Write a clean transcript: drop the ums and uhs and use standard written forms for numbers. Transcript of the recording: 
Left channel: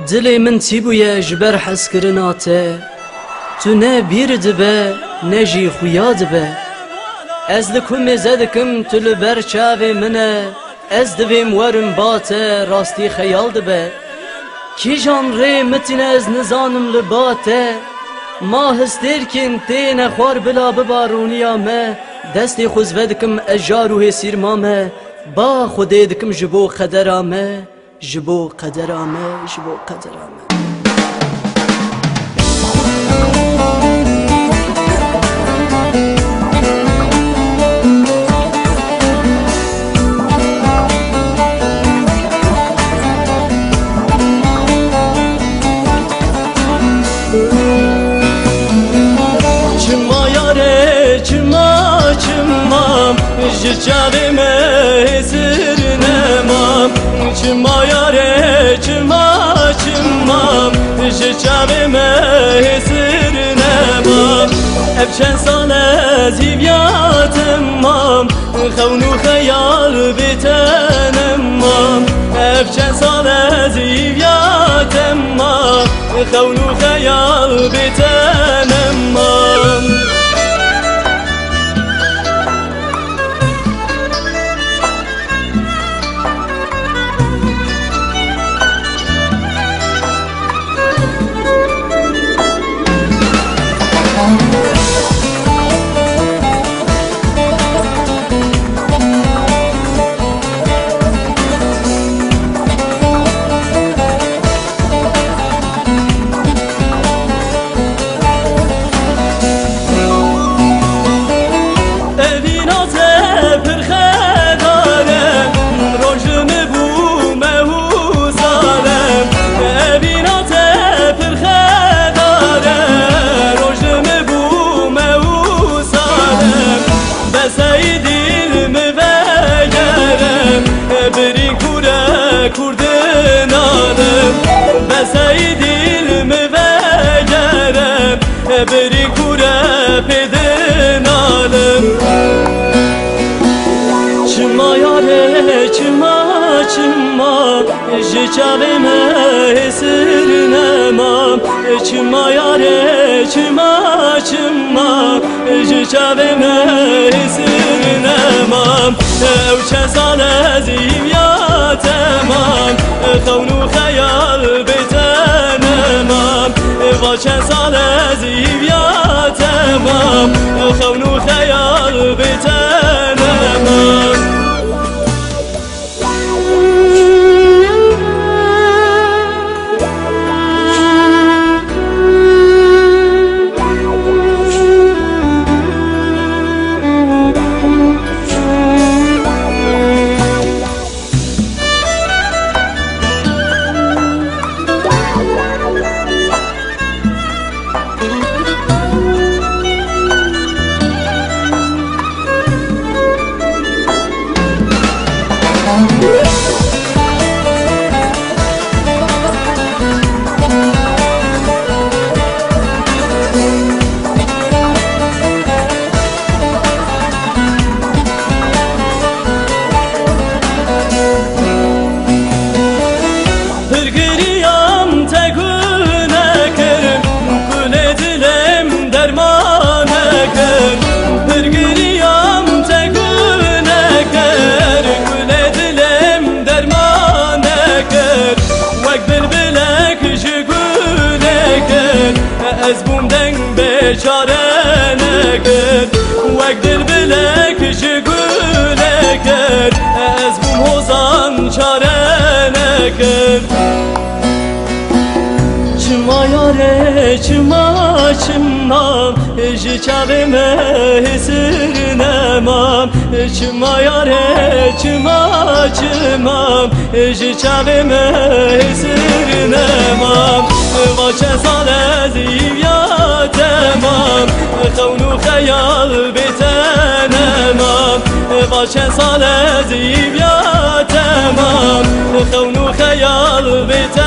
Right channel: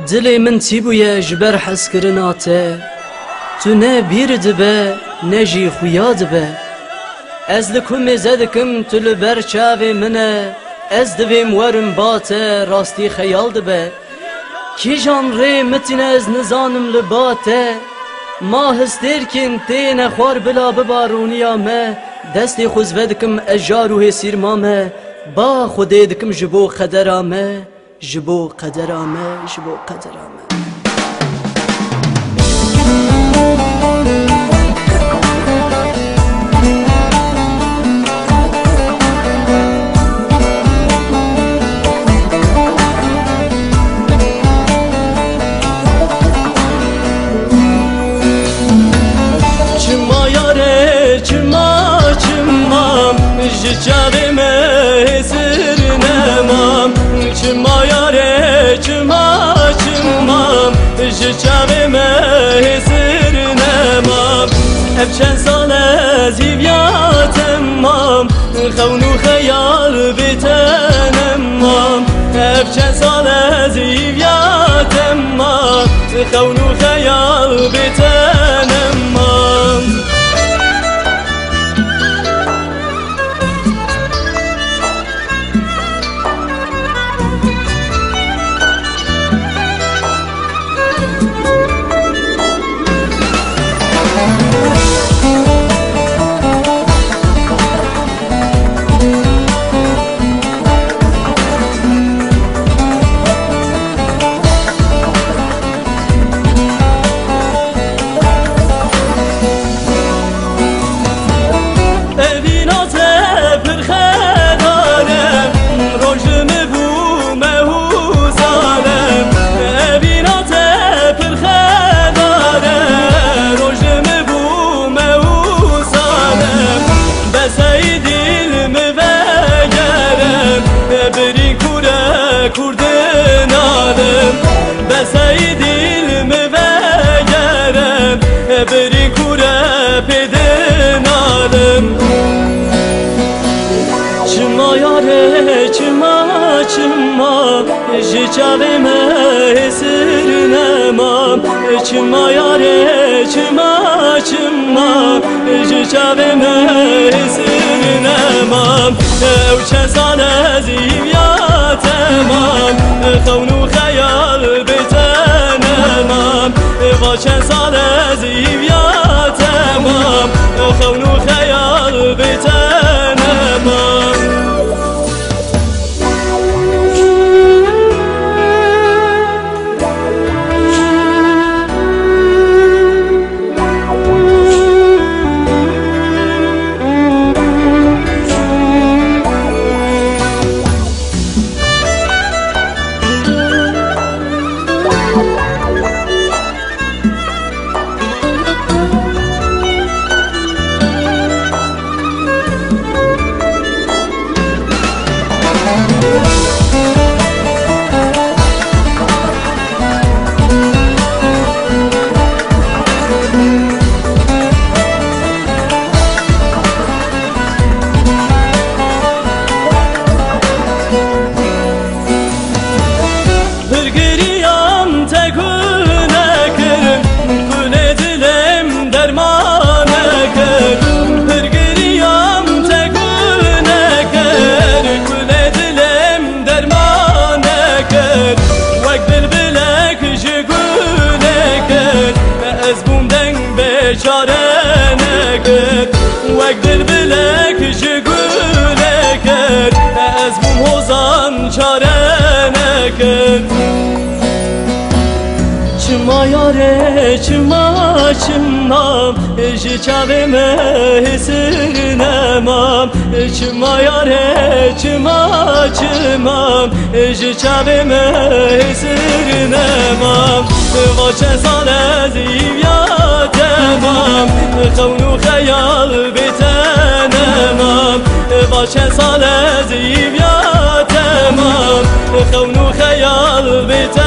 دلي من تيبويا جبر حس كرناته تو نه بیر دبه نه جی خویا دبه از لکم زدکم تو لبر چاوی منه از دویم ورم باته راستی خیال دبه کی جان ری متین از نزانم لباته ما هستیر کن تین خوار بلا ببارونی آمه دستی خوز ودکم اجاروه سیرمامه با خودی دکم جبو قدرامه جبو قدرامه جبو قدرامه چما یاره چما چمام جچاوی مهزر نمام چما یاره چما چمام جچاوی مهزر نمام اب چند سال از هیویاتم مام خونو خیال بیتنم مام اب چند سال از هیویاتم مام خونو خیال بیتنم مام کردن عالم بسای دل مبگرم بری کوره پیدن عالم چما یاره چما چما جچاوی مهسر نمام چما یاره چما چما جچاوی مهسر نمام او چه سال از تمام خونو خیال بیتنمام و چند سال از تمام خونو خیال بیتنمام Pırgırıyam tekune kırım Kule dilim dermane kır Pırgırıyam tekune kır Kule dilim dermane kır Vek bilbilek jigule kır Ez bumden beçarene kır Vek bilbilek jigule kır Ez bum hozan çarene kır چما یاره چما چمام جچاوی مهسر نمام چما یاره چما چمام جچاوی مهسر نمام و چه سال از تمام خونو خیال بیتنمام و چه سال از تمام خونو خیال بیتنمام